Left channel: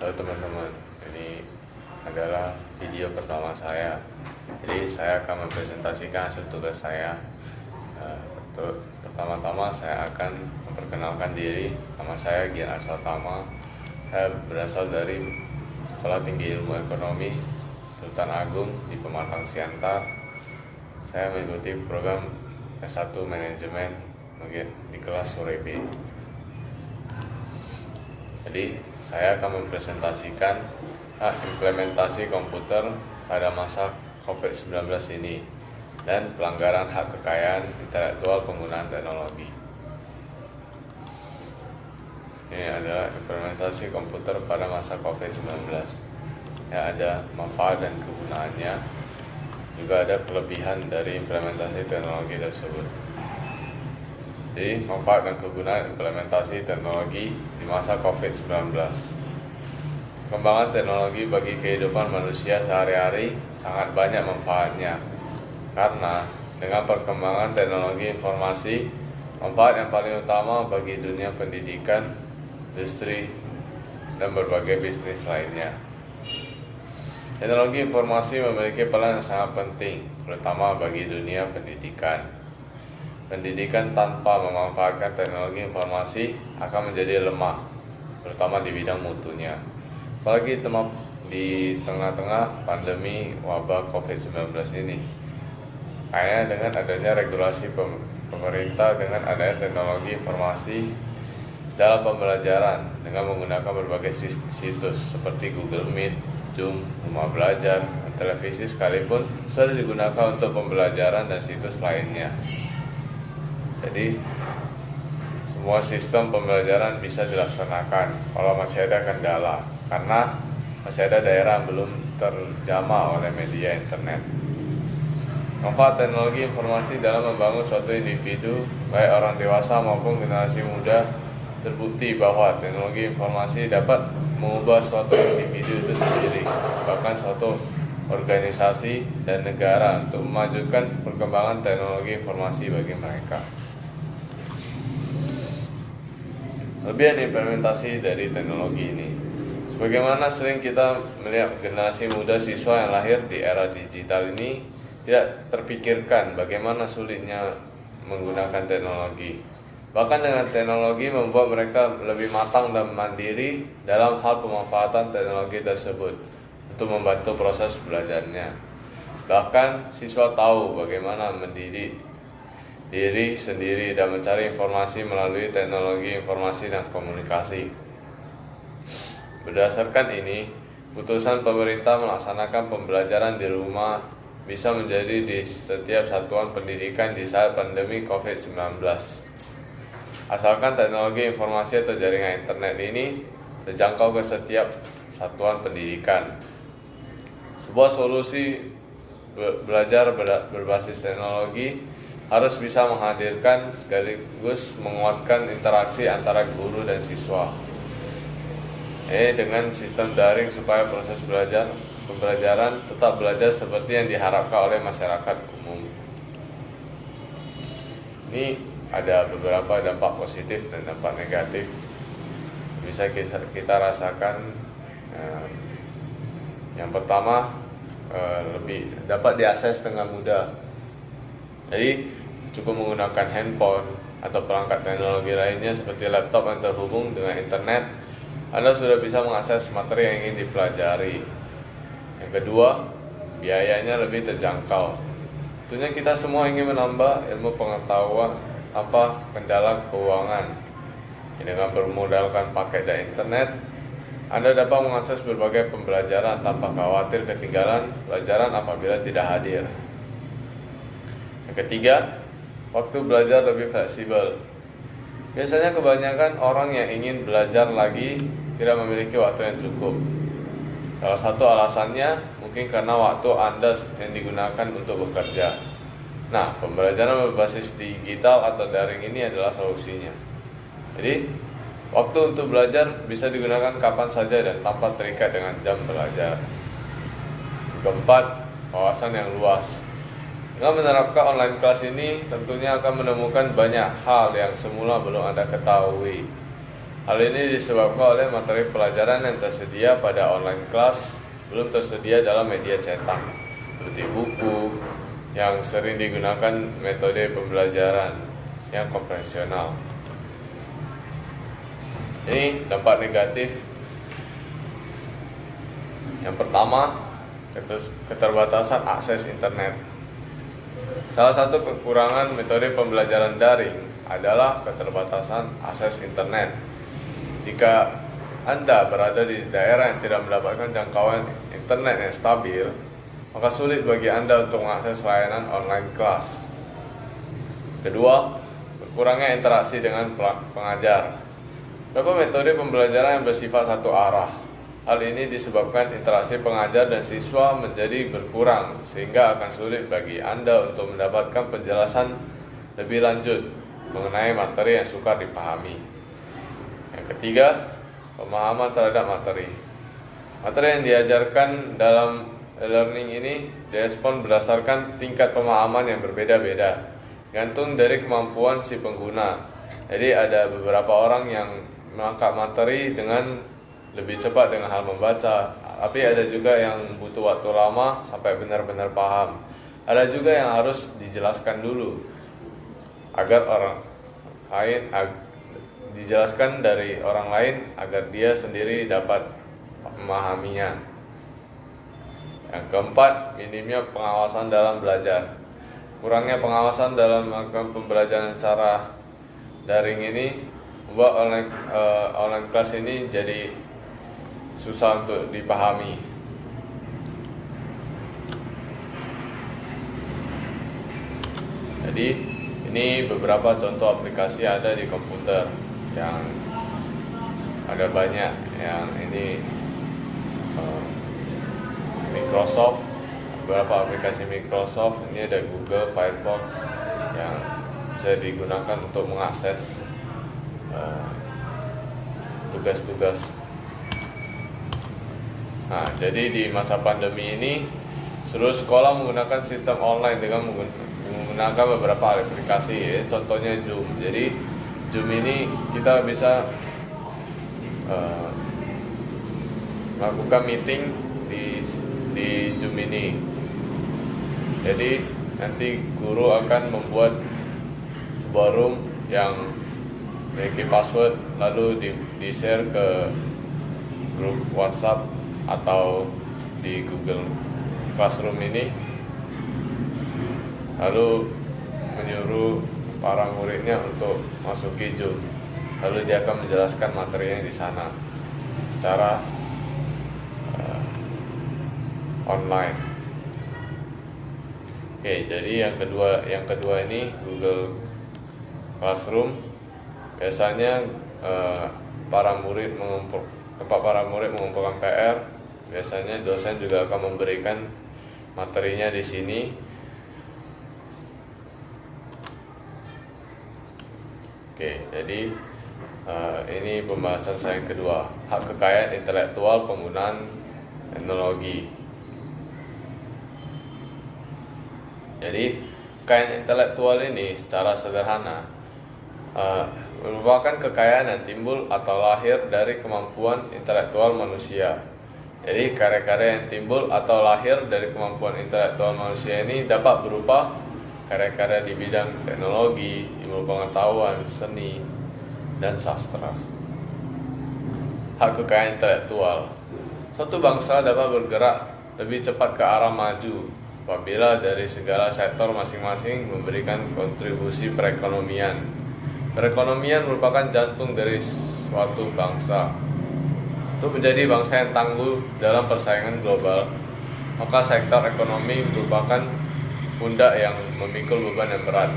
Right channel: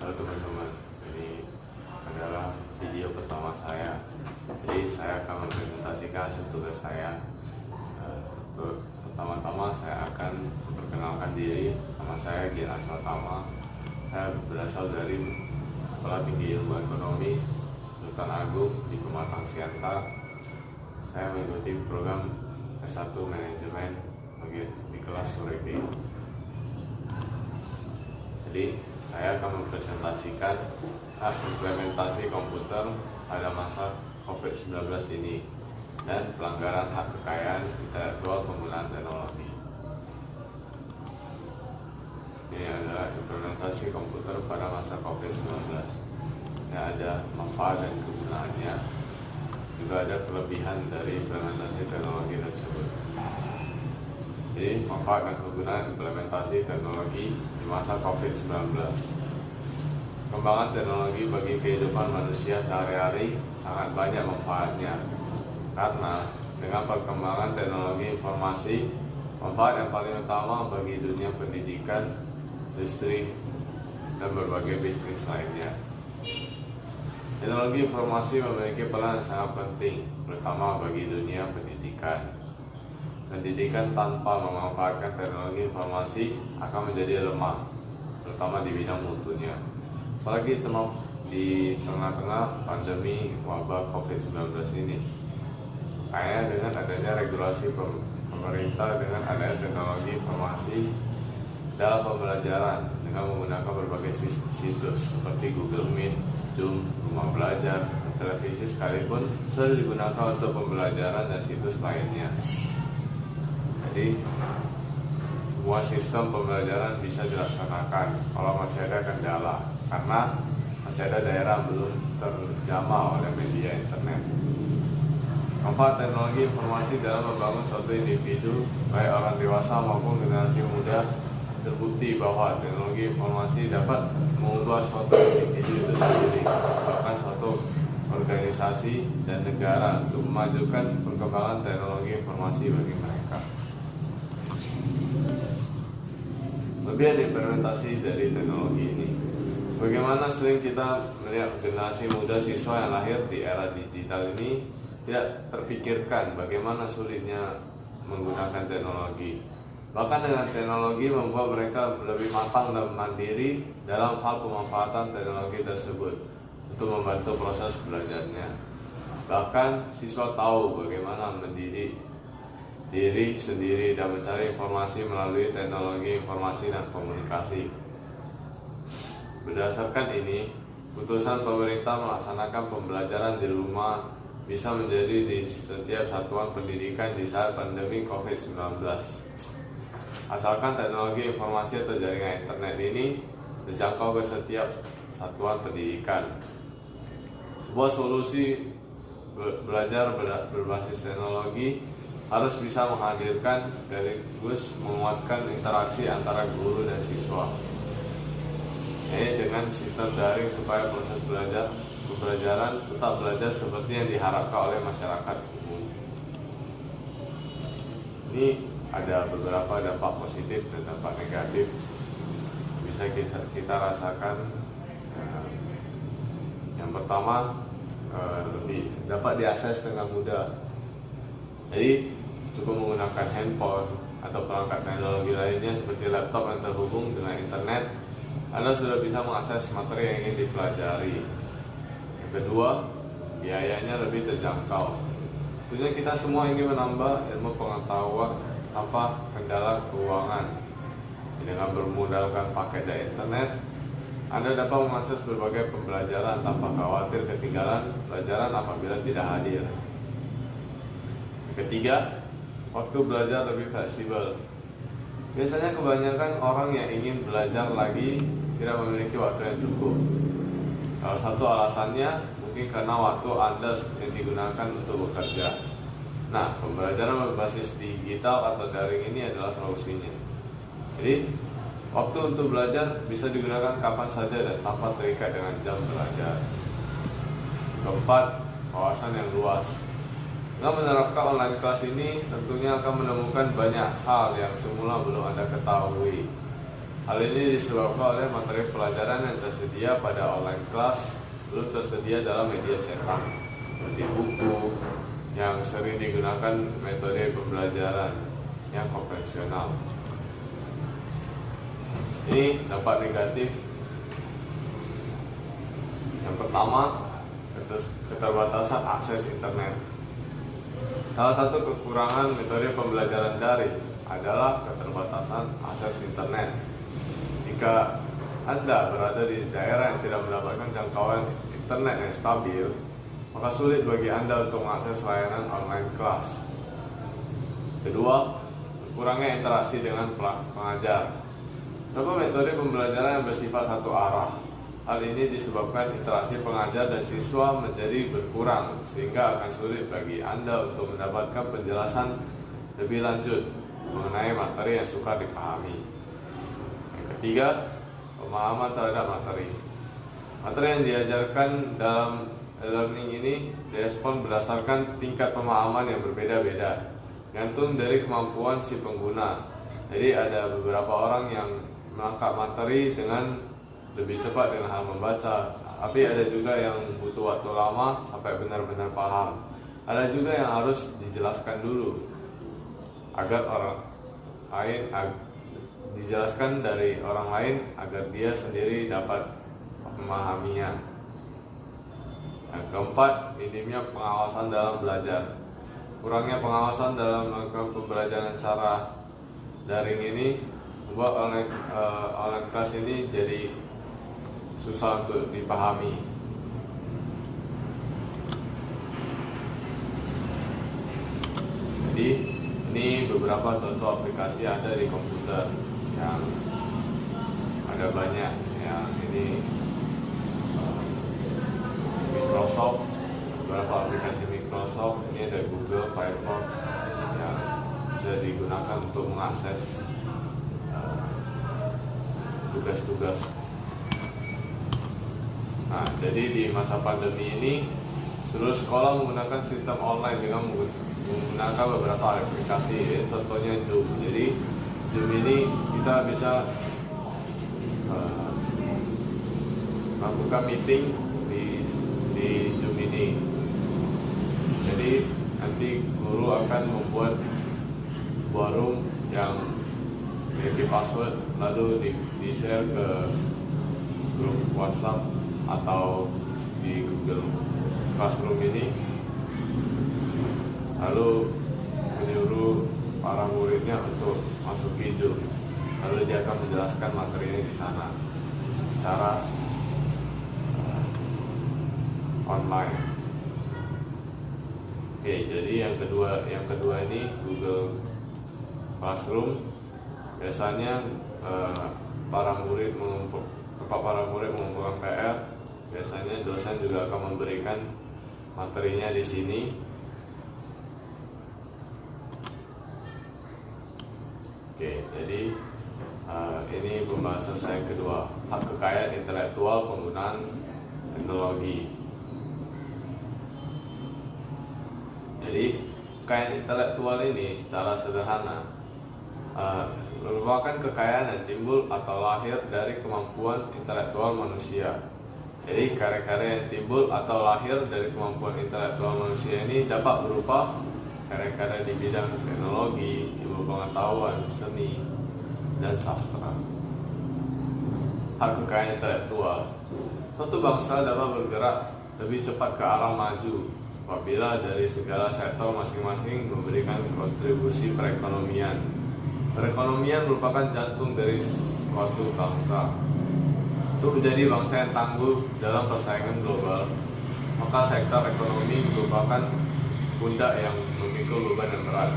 Halo teman-teman, ini adalah video pertama saya. Jadi saya akan mempresentasikan hasil tugas saya. Pertama-tama saya akan memperkenalkan diri. Nama saya Gian Aswatama. Saya berasal dari Sekolah Tinggi Ilmu Ekonomi Sultan Agung di Pematang Siantar. Saya mengikuti program S1 Manajemen di kelas Surebi. Jadi saya akan mempresentasikan implementasi komputer pada masa COVID-19 ini dan pelanggaran hak kekayaan intelektual penggunaan teknologi. Ini adalah implementasi komputer pada masa COVID-19. Ya, ada manfaat dan kegunaannya. Juga ada kelebihan dari implementasi teknologi tersebut. Jadi, manfaat dan kegunaan implementasi teknologi di masa COVID-19. Perkembangan teknologi bagi kehidupan manusia sehari-hari sangat banyak manfaatnya. Karena dengan perkembangan teknologi informasi, manfaat yang paling utama bagi dunia pendidikan, industri, dan berbagai bisnis lainnya. Teknologi informasi memiliki peran yang sangat penting, terutama bagi dunia pendidikan. Pendidikan tanpa memanfaatkan teknologi informasi akan menjadi lemah, terutama di bidang mutunya. Apalagi di tengah-tengah pandemi wabah COVID-19 ini. Kayaknya dengan adanya regulasi pemerintah dengan adanya teknologi informasi dalam pembelajaran dengan menggunakan berbagai situs seperti Google Meet, Zoom, Rumah Belajar, dan televisi sekalipun sudah digunakan untuk pembelajaran dan situs lainnya. Jadi semua sistem pembelajaran bisa dilaksanakan kalau masih ada kendala, karena masih ada daerah yang belum terjamah oleh media internet. Manfaat teknologi informasi dalam membangun suatu individu, baik orang dewasa maupun generasi muda, terbukti bahwa teknologi informasi dapat mengubah suatu individu itu sendiri, bahkan suatu organisasi dan negara untuk memajukan perkembangan teknologi informasi bagi mereka. Kelebihan implementasi dari teknologi ini. Sebagaimana sering kita melihat generasi muda siswa yang lahir di era digital ini tidak terpikirkan bagaimana sulitnya menggunakan teknologi. Bahkan dengan teknologi membuat mereka lebih matang dan mandiri dalam hal pemanfaatan teknologi tersebut untuk membantu proses belajarnya. Bahkan siswa tahu bagaimana mendidik diri sendiri dan mencari informasi melalui teknologi informasi dan komunikasi. Berdasarkan ini, putusan pemerintah melaksanakan pembelajaran di rumah bisa menjadi di setiap satuan pendidikan di saat pandemi COVID-19. Asalkan teknologi informasi atau jaringan internet ini terjangkau ke setiap satuan pendidikan. Sebuah solusi belajar berbasis teknologi harus bisa menghadirkan sekaligus menguatkan interaksi antara guru dan siswa. Dengan sistem daring supaya proses pembelajaran tetap belajar seperti yang diharapkan oleh masyarakat umum. Ini ada beberapa dampak positif dan dampak negatif bisa kita rasakan. Yang pertama, lebih dapat diakses dengan mudah. Jadi cukup menggunakan handphone atau perangkat teknologi lainnya seperti laptop yang terhubung dengan internet, Anda sudah bisa mengakses materi yang ingin dipelajari. Yang kedua, biayanya lebih terjangkau. Tentunya kita semua ingin menambah ilmu pengetahuan tanpa kendala keuangan. Dengan bermodalkan paket dan internet, Anda dapat mengakses berbagai pembelajaran tanpa khawatir ketinggalan pelajaran apabila tidak hadir. Yang ketiga, waktu belajar lebih fleksibel. Biasanya kebanyakan orang yang ingin belajar lagi tidak memiliki waktu yang cukup. Salah satu alasannya mungkin karena waktu Anda yang digunakan untuk bekerja. Nah, pembelajaran berbasis digital atau daring ini adalah solusinya. Jadi, waktu untuk belajar bisa digunakan kapan saja dan tanpa terikat dengan jam belajar. Keempat, wawasan yang luas. Dengan menerapkan online kelas ini, tentunya akan menemukan banyak hal yang semula belum Anda ketahui. Hal ini disebabkan oleh materi pelajaran yang tersedia pada online class belum tersedia dalam media cetak, seperti buku yang sering digunakan metode pembelajaran yang konvensional. Ini dampak negatif. Yang pertama, keterbatasan akses internet. Salah satu kekurangan metode pembelajaran daring adalah keterbatasan akses internet. Jika Anda berada di daerah yang tidak mendapatkan jangkauan internet yang stabil, maka sulit bagi Anda untuk mengakses layanan online kelas. Kedua, kurangnya interaksi dengan pengajar. Beberapa metode pembelajaran yang bersifat satu arah. Hal ini disebabkan interaksi pengajar dan siswa menjadi berkurang, sehingga akan sulit bagi Anda untuk mendapatkan penjelasan lebih lanjut mengenai materi yang sukar dipahami. Yang ketiga, pemahaman terhadap materi. Materi yang diajarkan dalam e-learning ini direspon berdasarkan tingkat pemahaman yang berbeda-beda, gantung dari kemampuan si pengguna. Jadi ada beberapa orang yang menangkap materi dengan lebih cepat dengan hal membaca, tapi ada juga yang butuh waktu lama sampai benar-benar paham. Ada juga yang harus dijelaskan dulu agar orang lain dijelaskan dari orang lain agar dia sendiri dapat memahaminya. Yang keempat, minimnya pengawasan dalam belajar. Kurangnya pengawasan dalam melakukan pembelajaran secara daring ini membuat online kelas ini jadi susah untuk dipahami. Jadi ini beberapa contoh aplikasi yang ada di komputer yang ada banyak. Yang ini Microsoft, beberapa aplikasi Microsoft. Ini ada Google Firefox yang bisa digunakan untuk mengakses tugas-tugas. Nah, jadi di masa pandemi ini seluruh sekolah menggunakan sistem online dengan menggunakan beberapa aplikasi, contohnya Zoom. Jadi Zoom ini kita bisa melakukan meeting di Zoom ini. Jadi nanti guru akan membuat sebuah room yang memiliki password, lalu di-share ke grup WhatsApp atau di Google Classroom ini, lalu menyuruh para muridnya untuk masuki Zoom, lalu dia akan menjelaskan materinya di sana secara online. Oke, jadi yang kedua ini Google Classroom. Biasanya para murid mengumpulkan PR. Biasanya dosen juga akan memberikan materinya di sini. Oke, jadi ini pembahasan saya yang kedua, hak kekayaan intelektual penggunaan teknologi. Jadi kekayaan intelektual ini secara sederhana merupakan kekayaan yang timbul atau lahir dari kemampuan intelektual manusia. Jadi karya-karya yang timbul atau lahir dari kemampuan intelektual manusia ini dapat berupa karya-karya di bidang teknologi, ilmu pengetahuan, seni, dan sastra. Hak kekayaan intelektual. Suatu bangsa dapat bergerak lebih cepat ke arah maju apabila dari segala sektor masing-masing memberikan kontribusi perekonomian. Perekonomian merupakan jantung dari suatu bangsa. Untuk menjadi bangsa yang tangguh dalam persaingan global, maka sektor ekonomi merupakan pundak yang memikul beban yang berat.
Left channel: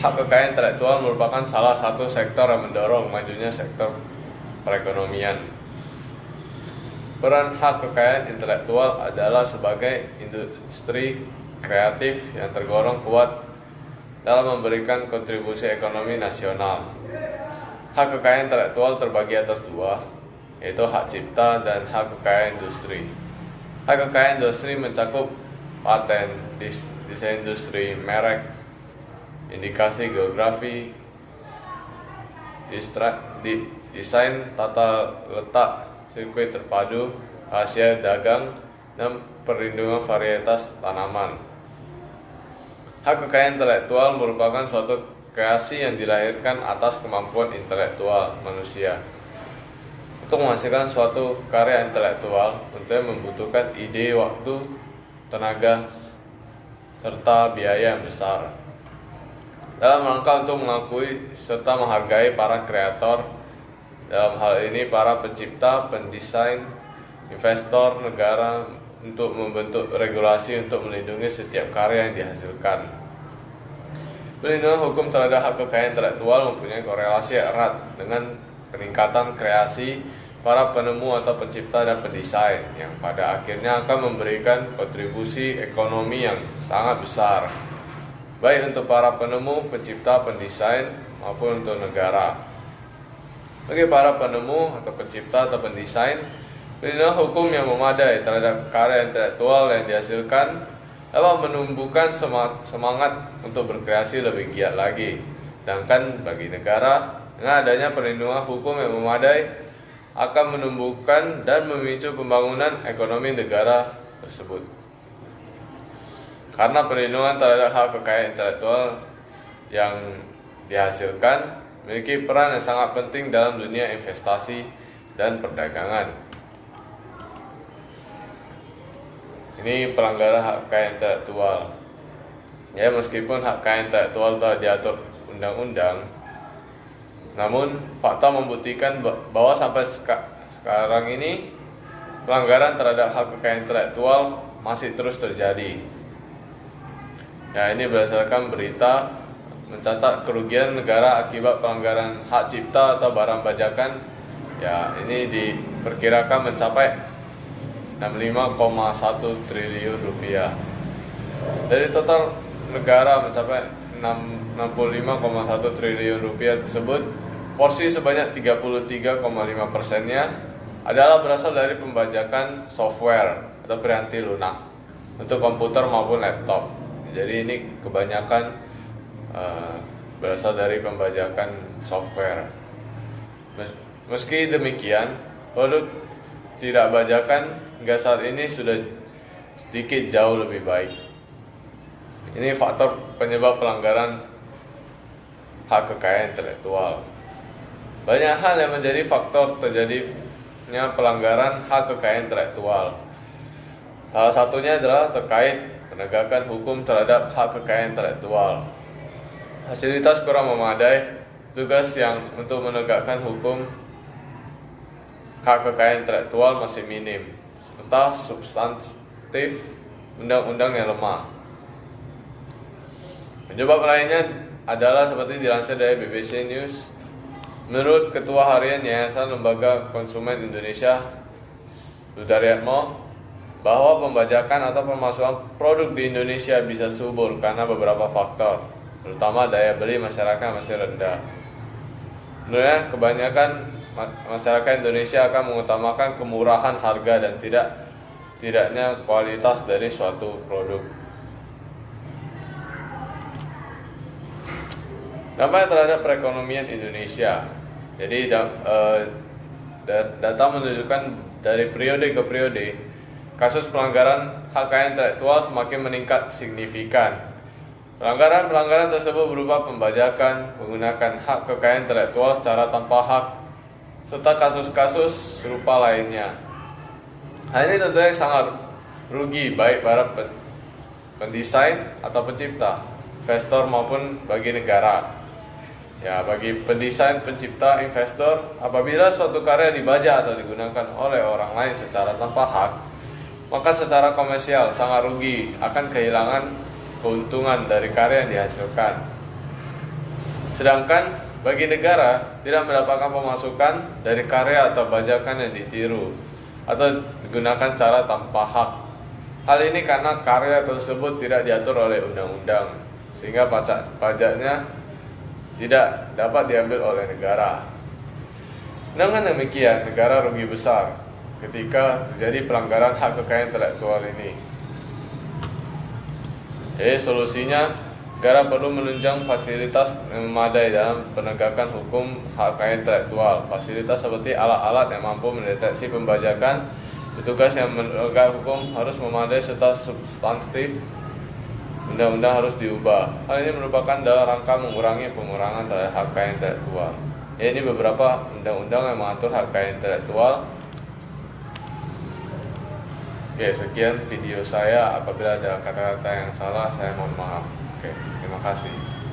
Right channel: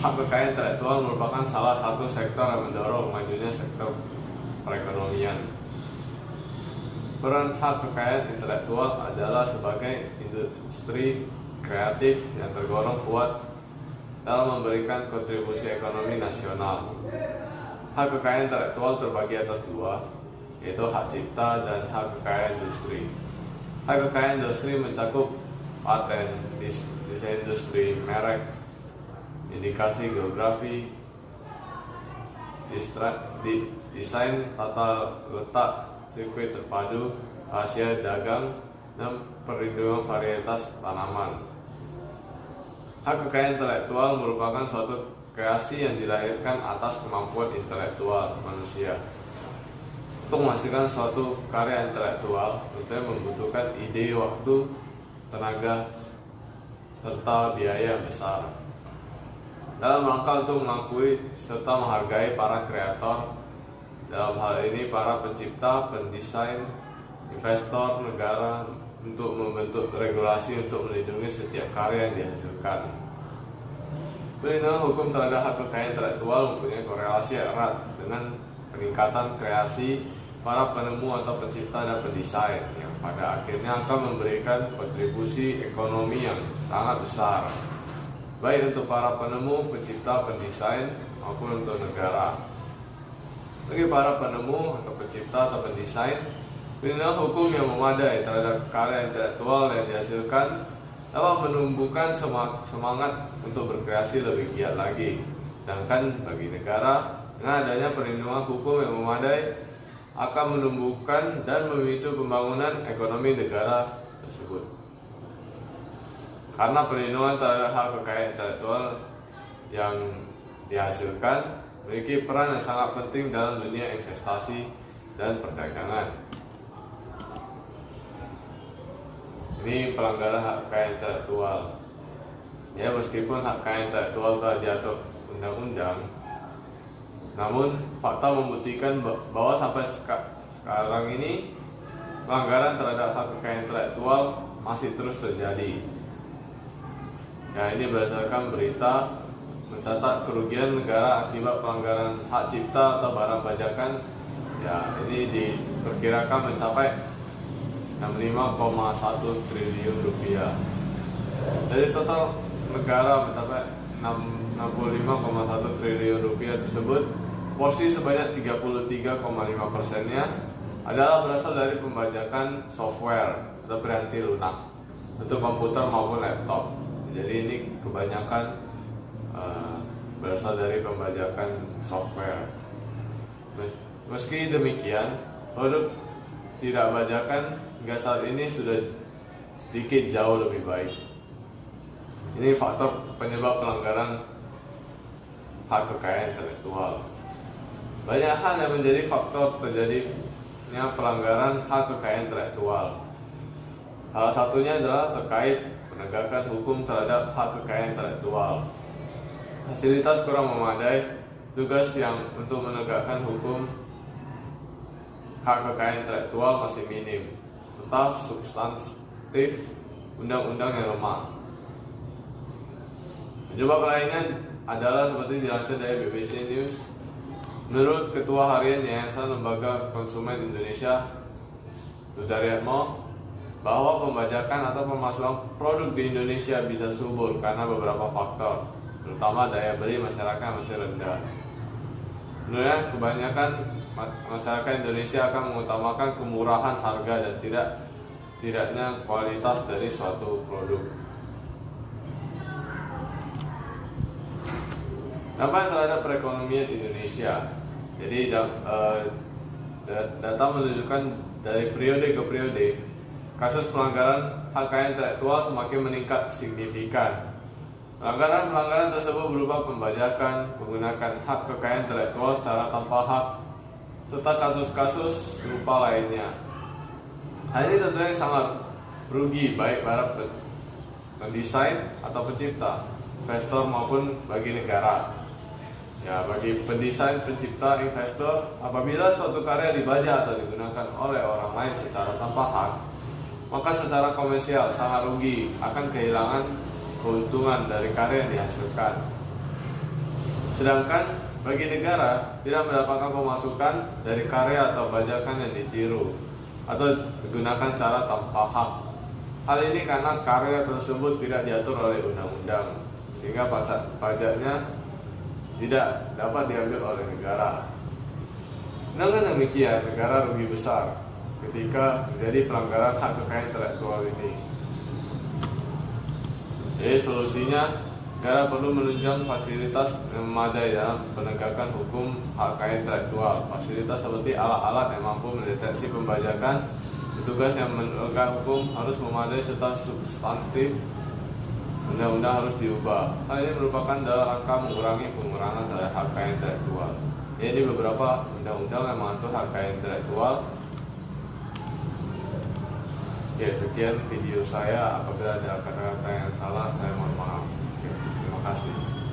Hak kekayaan intelektual merupakan salah satu sektor yang mendorong majunya sektor perekonomian. Peran hak kekayaan intelektual adalah sebagai industri kreatif yang tergolong kuat dalam memberikan kontribusi ekonomi nasional. Hak kekayaan intelektual terbagi atas dua, yaitu hak cipta dan hak kekayaan industri. Hak kekayaan industri mencakup paten, desain industri, merek, indikasi geografi, desain tata letak sirkuit terpadu, rahasia dagang, dan perlindungan varietas tanaman. Hak kekayaan intelektual merupakan suatu kreasi yang dilahirkan atas kemampuan intelektual manusia. Untuk menghasilkan suatu karya intelektual, tentunya membutuhkan ide, waktu, tenaga, serta biaya yang besar. Dalam rangka untuk mengakui serta menghargai para kreator, dalam hal ini para pencipta, pendesain, investor, negara, untuk membentuk regulasi untuk melindungi setiap karya yang dihasilkan. Perlindungan hukum terhadap hak kekayaan intelektual mempunyai korelasi erat dengan peningkatan kreasi para penemu atau pencipta dan pendesain yang pada akhirnya akan memberikan kontribusi ekonomi yang sangat besar, baik untuk para penemu, pencipta, pendesain maupun untuk negara. Bagi para penemu atau pencipta atau pendesain, perlindungan hukum yang memadai terhadap karya intelektual yang dihasilkan dapat menumbuhkan semangat untuk berkreasi lebih giat lagi. Sedangkan bagi negara, dengan adanya perlindungan hukum yang memadai akan menumbuhkan dan memicu pembangunan ekonomi negara tersebut. Karena perlindungan terhadap hak kekayaan intelektual yang dihasilkan memiliki peran yang sangat penting dalam dunia investasi dan perdagangan. Ini pelanggaran hak kekayaan intelektual. Ya, meskipun hak kekayaan intelektual telah diatur undang-undang, namun fakta membuktikan bahwa sampai sekarang ini pelanggaran terhadap hak kekayaan intelektual masih terus terjadi. Ya, ini berdasarkan berita mencatat kerugian negara akibat pelanggaran hak cipta atau barang bajakan. Ya, ini diperkirakan mencapai 65,1 triliun rupiah. Dari total negara mencapai 65,1 triliun rupiah tersebut, porsi sebanyak 33,5%-nya adalah berasal dari pembajakan software atau piranti lunak untuk komputer maupun laptop. Jadi ini kebanyakan berasal dari pembajakan software. Meski demikian, produk tidak bajakan hingga saat ini sudah sedikit jauh lebih baik. Ini faktor penyebab pelanggaran hak kekayaan intelektual. Banyak hal yang menjadi faktor terjadinya pelanggaran hak kekayaan intelektual. Salah satunya adalah terkait penegakan hukum terhadap hak kekayaan intelektual. Fasilitas kurang memadai, tugas yang untuk menegakkan hukum hak kekayaan intelektual masih minim, serta substantif undang-undang yang lemah. Penyebab lainnya adalah seperti dilansir dari BBC News. Menurut Ketua Harian Yayasan Lembaga Konsumen Indonesia, Sudaryatmo, bahwa pembajakan atau pemasaran produk di Indonesia bisa subur karena beberapa faktor, terutama daya beli masyarakat masih rendah. Sebenarnya kebanyakan masyarakat Indonesia akan mengutamakan kemurahan harga dan tidaknya kualitas dari suatu produk. Dampak terhadap perekonomian Indonesia. Jadi data menunjukkan dari periode ke periode, kasus pelanggaran hak kekayaan intelektual semakin meningkat signifikan. Pelanggaran tersebut berupa pembajakan, menggunakan hak kekayaan intelektual secara tanpa hak, serta kasus-kasus serupa lainnya. Hal ini tentunya sangat rugi baik para pendesain atau pencipta, investor maupun bagi negara. Ya, bagi pendesain, pencipta, investor, apabila suatu karya dibajak atau digunakan oleh orang lain secara tanpa hak, maka secara komersial sangat rugi, akan kehilangan keuntungan dari karya yang dihasilkan. Sedangkan bagi negara tidak mendapatkan pemasukan dari karya atau bajakan yang ditiru atau digunakan cara tanpa hak. Hal ini karena karya tersebut tidak diatur oleh undang-undang, sehingga pajaknya tidak dapat diambil oleh negara. Dengan demikian, negara rugi besar ketika terjadi pelanggaran hak kekayaan intelektual ini. Jadi solusinya, Negara perlu menunjang fasilitas yang memadai dalam penegakan hukum hak kekayaan intelektual. Fasilitas seperti alat-alat yang mampu mendeteksi pembajakan, petugas yang menegak hukum harus memadai serta substantif. Undang-undang harus diubah. Hal ini merupakan dalam rangka mengurangi pengurangan terhadap hak kekayaan intelektual. Ini beberapa undang-undang yang mengatur hak kekayaan intelektual. Oke, sekian video saya. Apabila ada kata-kata yang salah, saya mohon maaf. Oke, terima kasih.